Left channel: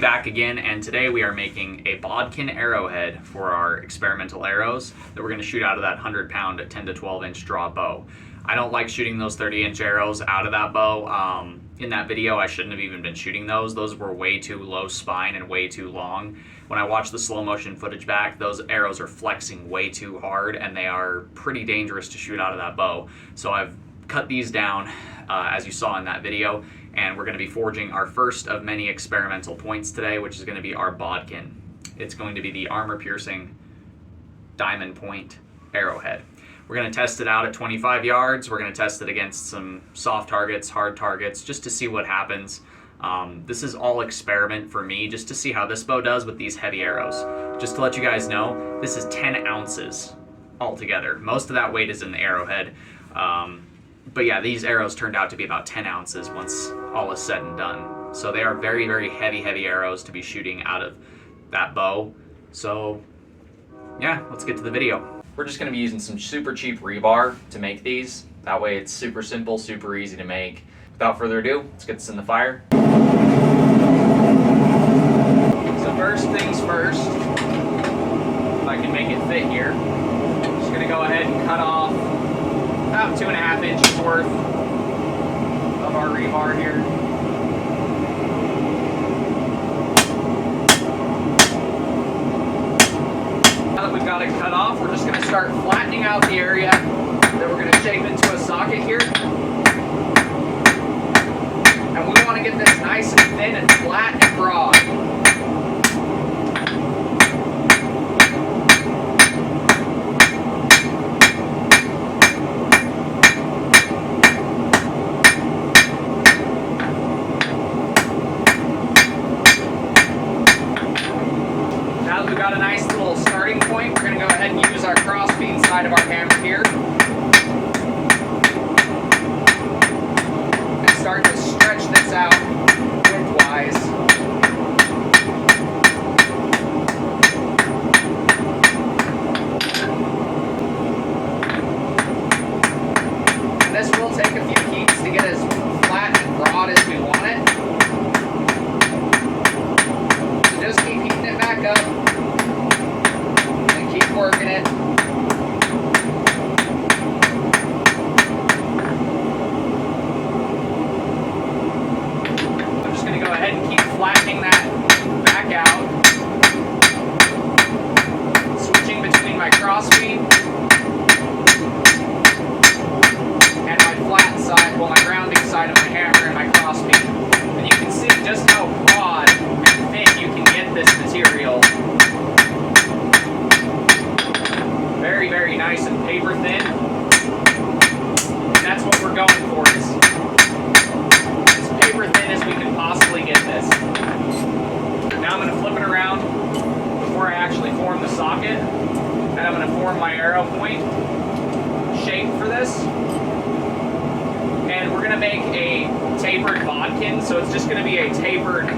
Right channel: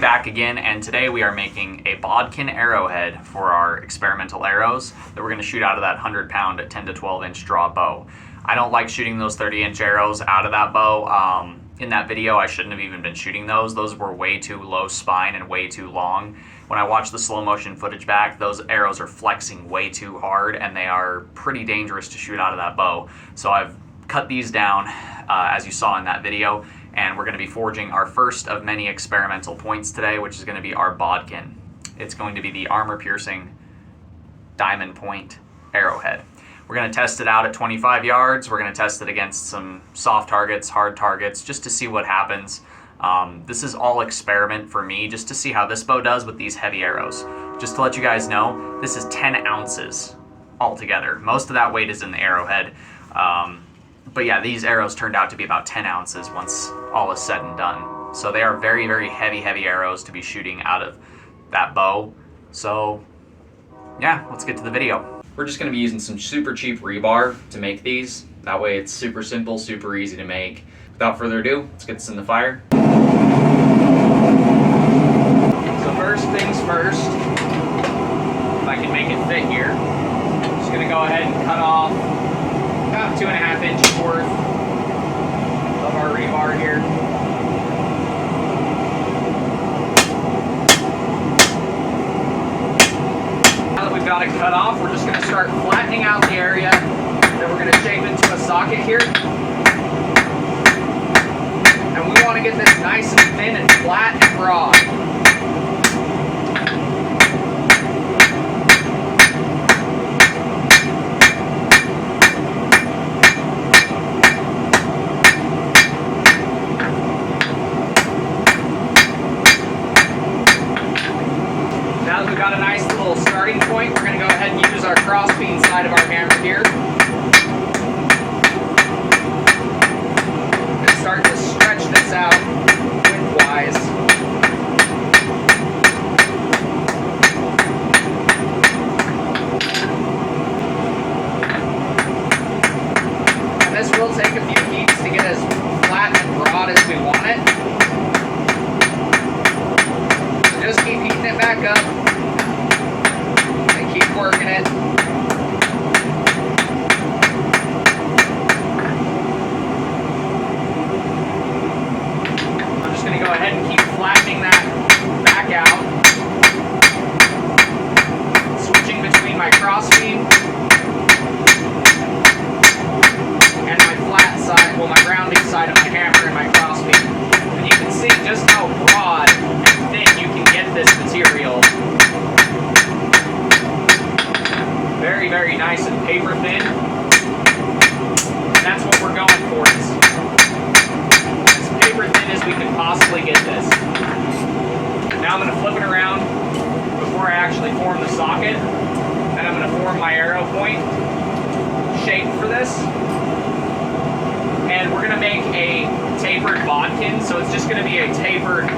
Back again, and today we are making a bodkin arrowhead for our experimental arrows that we're going to shoot out of that 100-pound 10 to 12 inch draw bow. I don't like shooting those 30-inch arrows out of that bow. In that video I shouldn't have even been shooting those. Those were way too low spine and way too long. When I watch the slow motion footage back, those arrows are flexing way too hard and they are pretty dangerous to shoot out of that bow. So I've cut these down as you saw in that video, and we're going to be forging our first of many experimental points today, which is going to be our bodkin. It's going to be the armor-piercing diamond point arrowhead. We're going to test it out at 25 yards. We're going to test it against some soft targets, hard targets, just to see what happens. This is all experiment for me, just to see how this bow does with these heavy arrows. Just to let you guys know, this is 10 ounces altogether. Most of that weight is in the arrowhead. But yeah, these arrows turned out to be about 10 ounces once all is said and done. So they are very, very heavy arrows to be shooting out of that bow. So yeah, let's get to the video. We're just gonna be using some super cheap rebar to make these. That way it's super simple, super easy to make. Without further ado, let's get this in the fire. So first things first, if I can make it fit here, I'm just gonna go ahead and cut off about 2.5 inches worth of our rebar here. Now that we've got it cut off, we're just going to start flattening out the area that we're going to shape into a socket here. And we want to get this nice and thin and flat and broad. We've got a nice little starting point. We're going to go ahead and use our crossbeam side of our hammer here and start to stretch this out widthwise. And this will take a few heats to get as flat and broad as we want it. So just keep heating it back up. Keep working it. I'm just going to go ahead and keep flattening that back out. Switching between my crossbeam and my flat side, well, my rounding side of my hammer and my crossbeam. And you can see just how broad and thin you can get this material. Very, very nice and paper thin. And that's what we're going for, is as paper thin as we can possibly get this. Now I'm going to flip it around before I actually form the socket. And I'm going to form my arrow point shape for this. And we're going to make a tapered bodkin, so it's just going to be a tapered,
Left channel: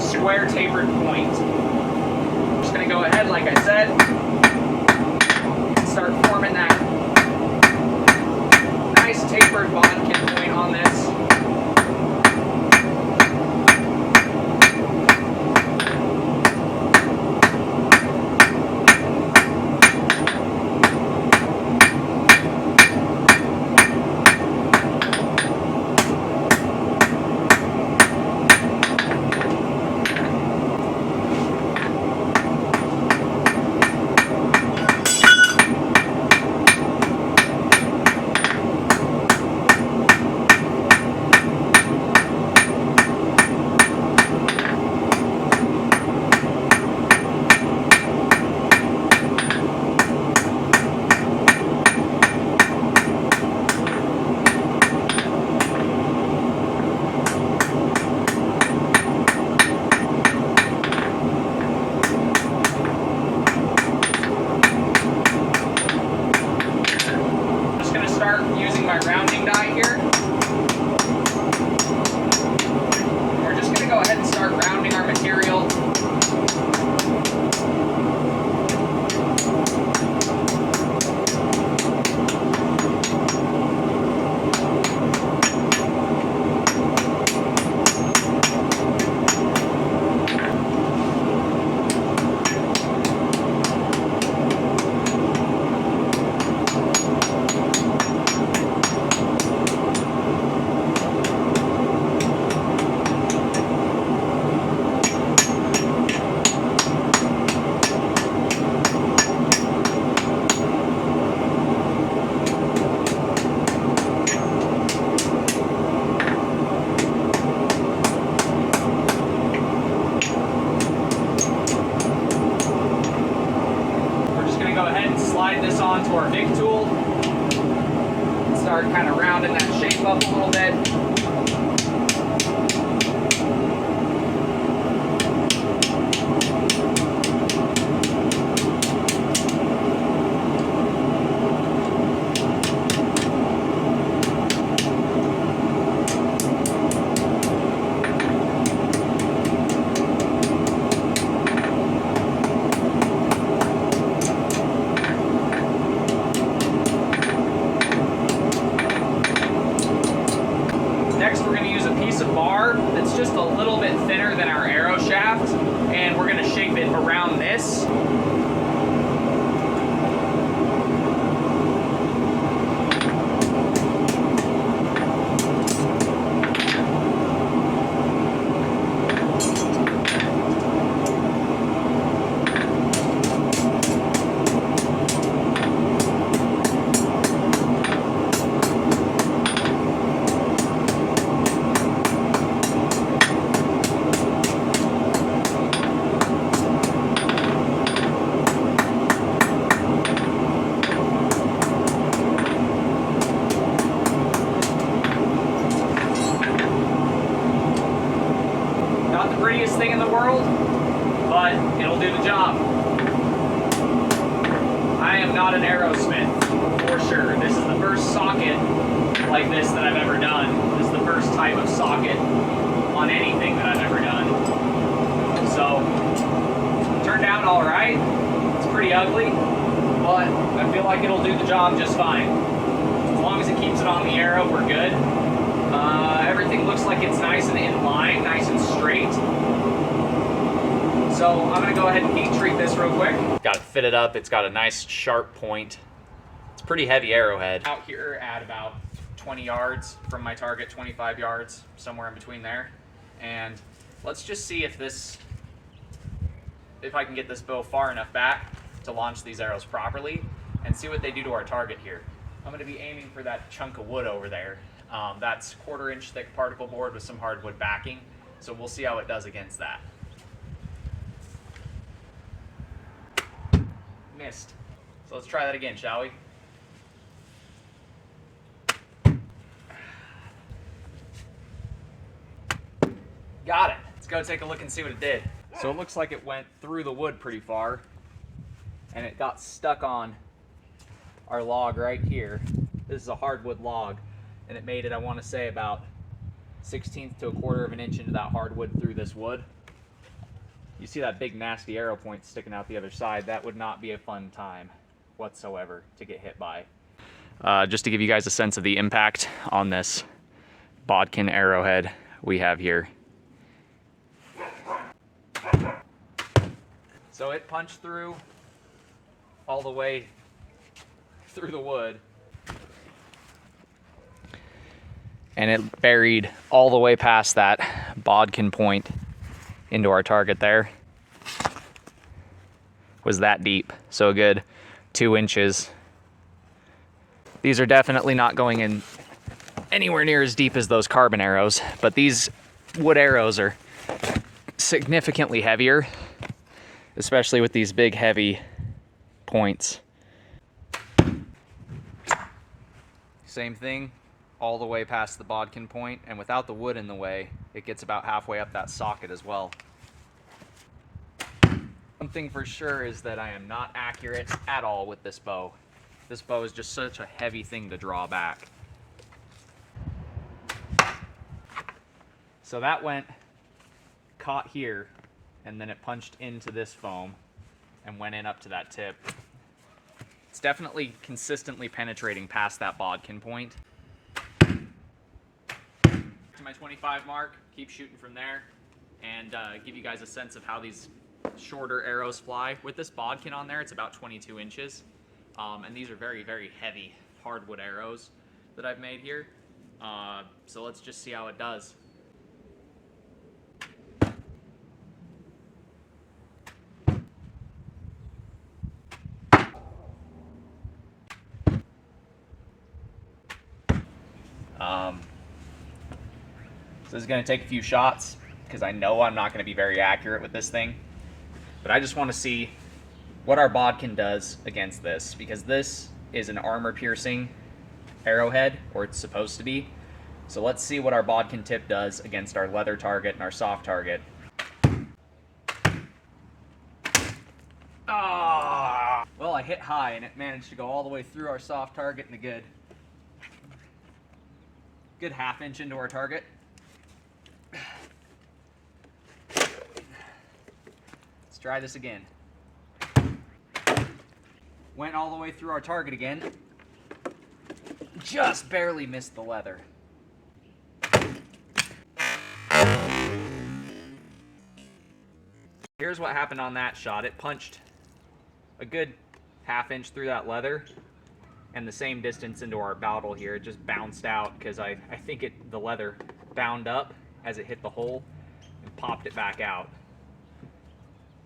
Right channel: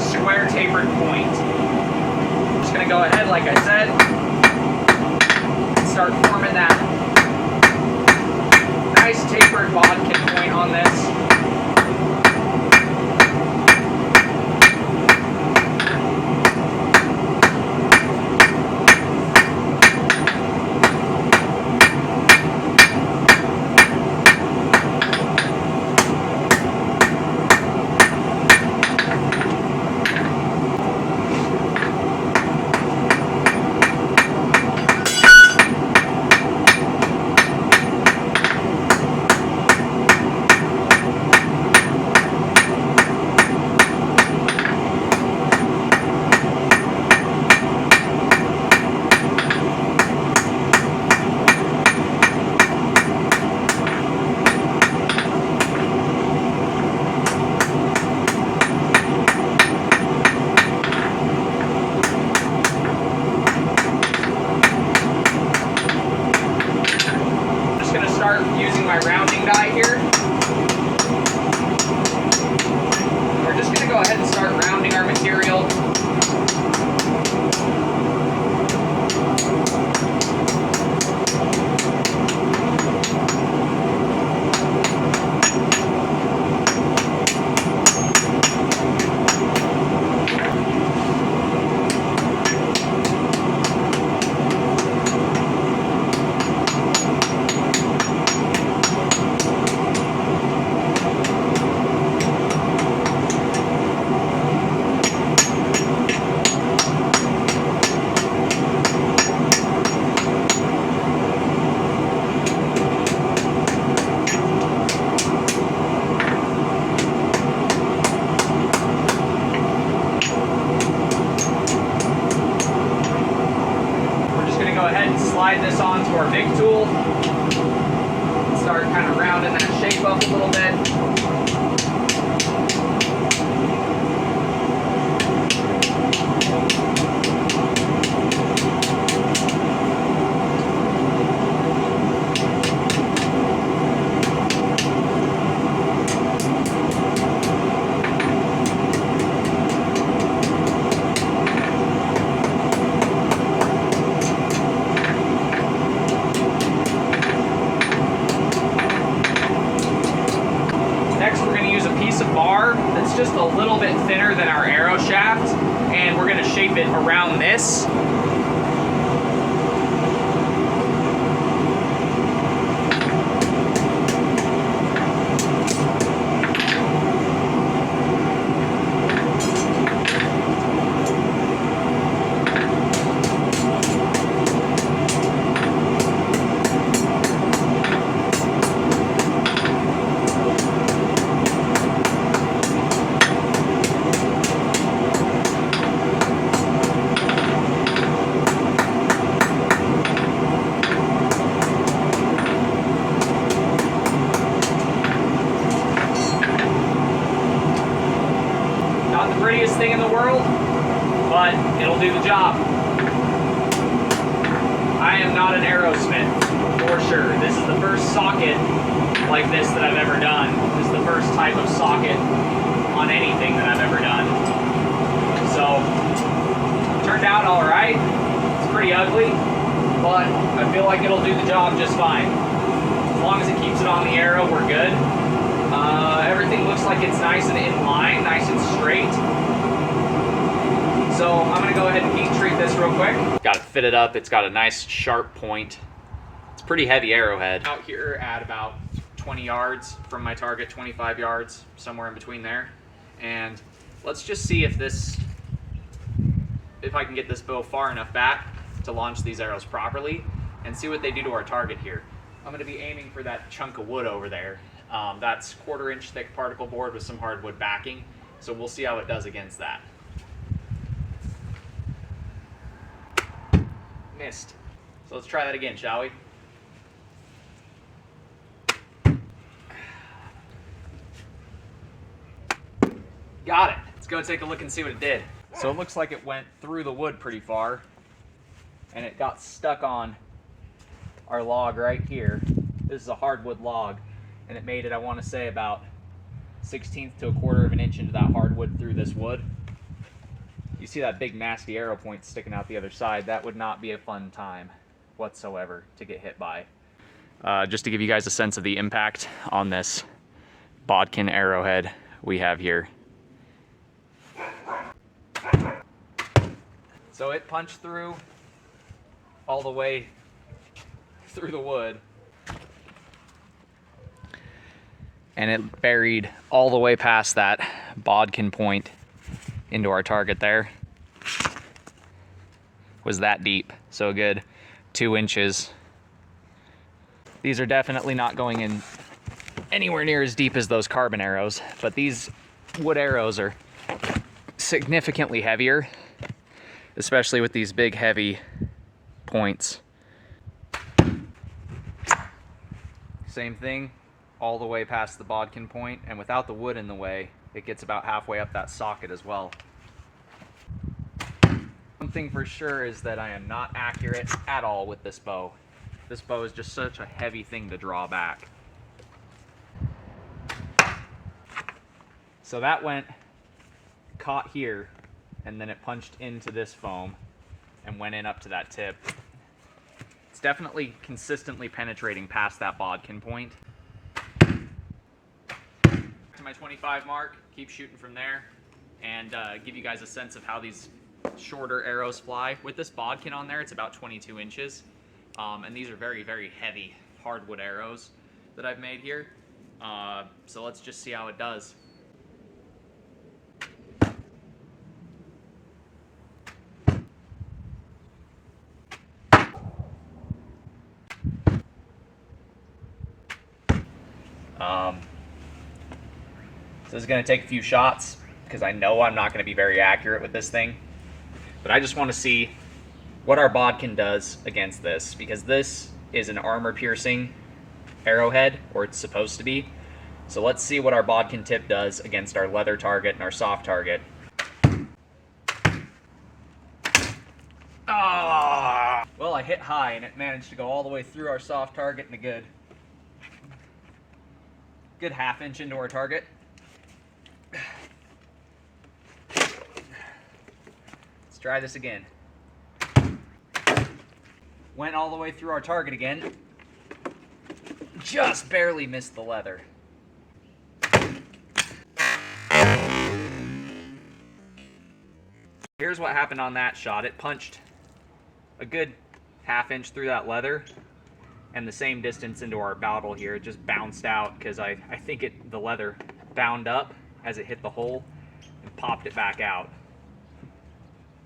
square tapered point. I'm just going to go ahead, like I said, start forming that nice tapered bodkin point on this. slide this onto our big tool. Start kind of rounding that shape up a little bit. Next, we're going to use a piece of bar that's just a little bit thinner than our arrow shaft, and we're going to shape it around this. Prettiest thing in the world, but it'll do the job. I am not an arrowsmith, for sure. This is the first socket like this that I've ever done. This is the first type of socket on anything that I've ever done. So, turned out all right. It's pretty ugly, but I feel like it'll do the job just fine. As long as it keeps it on the arrow, we're good. Everything looks like it's nice and in line, nice and straight. So I'm gonna go ahead and heat treat this real quick. Got it fitted up, it's got a nice sharp point. It's a pretty heavy arrowhead. Out here at about 20 yards from my target, 25 yards, somewhere in between there. And let's just see if I can get this bow far enough back to launch these arrows properly and see what they do to our target here. I'm gonna be aiming for that chunk of wood over there. That's 1/4 inch thick particle board with some hardwood backing. So we'll see how it does against that. Missed. So let's try that again, shall we? Got it. Let's go take a look and see what it did. So it looks like it went through the wood pretty far, and it got stuck on our log right here. This is a hardwood log, and it made it, I want to say, about 1/16 to 1/4 of an inch into that hardwood through this wood. You see that big nasty arrow point sticking out the other side. That would not be a fun time whatsoever to get hit by. Just to give you guys a sense of the impact on this bodkin arrowhead we have here. So it punched through all the way through the wood, and it buried all the way past that bodkin point into our target there. Was that deep, so a good 2 inches. These are definitely not going in anywhere near as deep as those carbon arrows, but these wood arrows are significantly heavier, especially with these big heavy points. Same thing all the way past the bodkin point, and without the wood in the way, it gets about halfway up that socket as well. One thing for sure is that I am not accurate at all with this bow. This bow is just such a heavy thing to draw back. So that went, caught here, and then it punched into this foam and went in up to that tip. It's definitely consistently penetrating past that bodkin point. To my 25 mark, keep shooting from there, and give you guys a sense of how these shorter arrows fly. With this bodkin on there, it's about 22 inches, and these are very, very heavy hardwood arrows that I've made here. So let's just see how it does. So this is going to take a few shots because I know I'm not going to be very accurate with this thing. But I just want to see what our bodkin does against this, because this is an armor piercing arrowhead, or it's supposed to be. So let's see what our bodkin tip does against our leather target and our soft target. Ah! Well, I hit high and it managed to go all the way through our soft target and a good half-inch into our target. Let's try this again. Went all the way through our target again. Just barely missed the leather. Here's what happened on that shot. It punched a good half-inch through that leather, and the same distance into our bottle here. It just bounced out because I think the leather bound up as it hit the hole and popped it back out.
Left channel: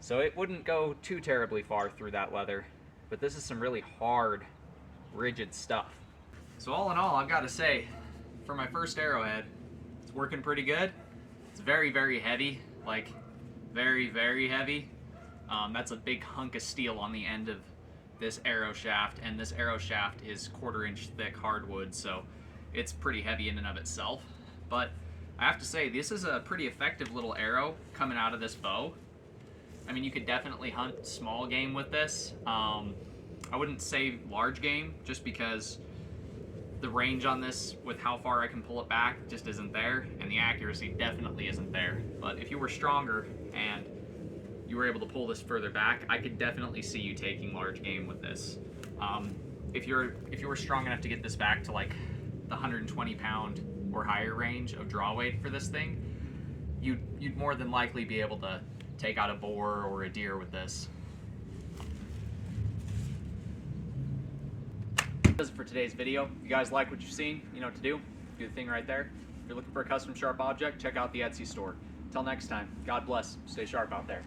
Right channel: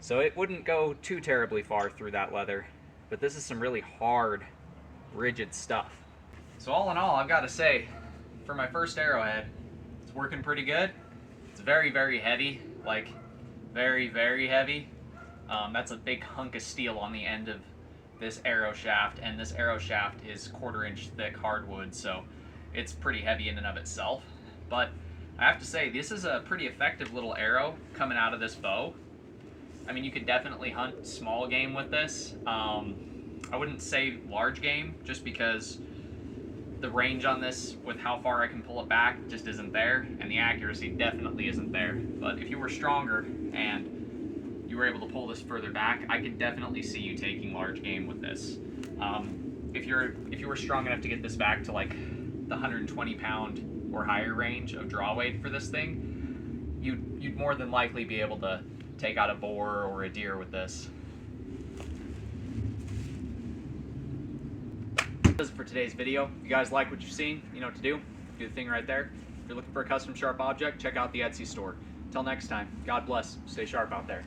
So it wouldn't go too terribly far through that leather, but this is some really hard, rigid stuff. So all in all, I've got to say, for my first arrowhead, it's working pretty good. It's very, very heavy, like very, very heavy. That's a big hunk of steel on the end of this arrow shaft, and this arrow shaft is 1/4 inch thick hardwood, so it's pretty heavy in and of itself. But I have to say, this is a pretty effective little arrow coming out of this bow. I mean, you could definitely hunt small game with this. I wouldn't say large game, just because the range on this with how far I can pull it back just isn't there, and the accuracy definitely isn't there. But if you were stronger and you were able to pull this further back, I could definitely see you taking large game with this. If you were strong enough to get this back to like the 120 pound or higher range of draw weight for this thing, you'd more than likely be able to take out a boar or a deer with this. That's it for today's video. If you guys like what you've seen, you know what to do. Do the thing right there. If you're looking for a custom sharp object, check out the Etsy store. Until next time, God bless. Stay sharp out there.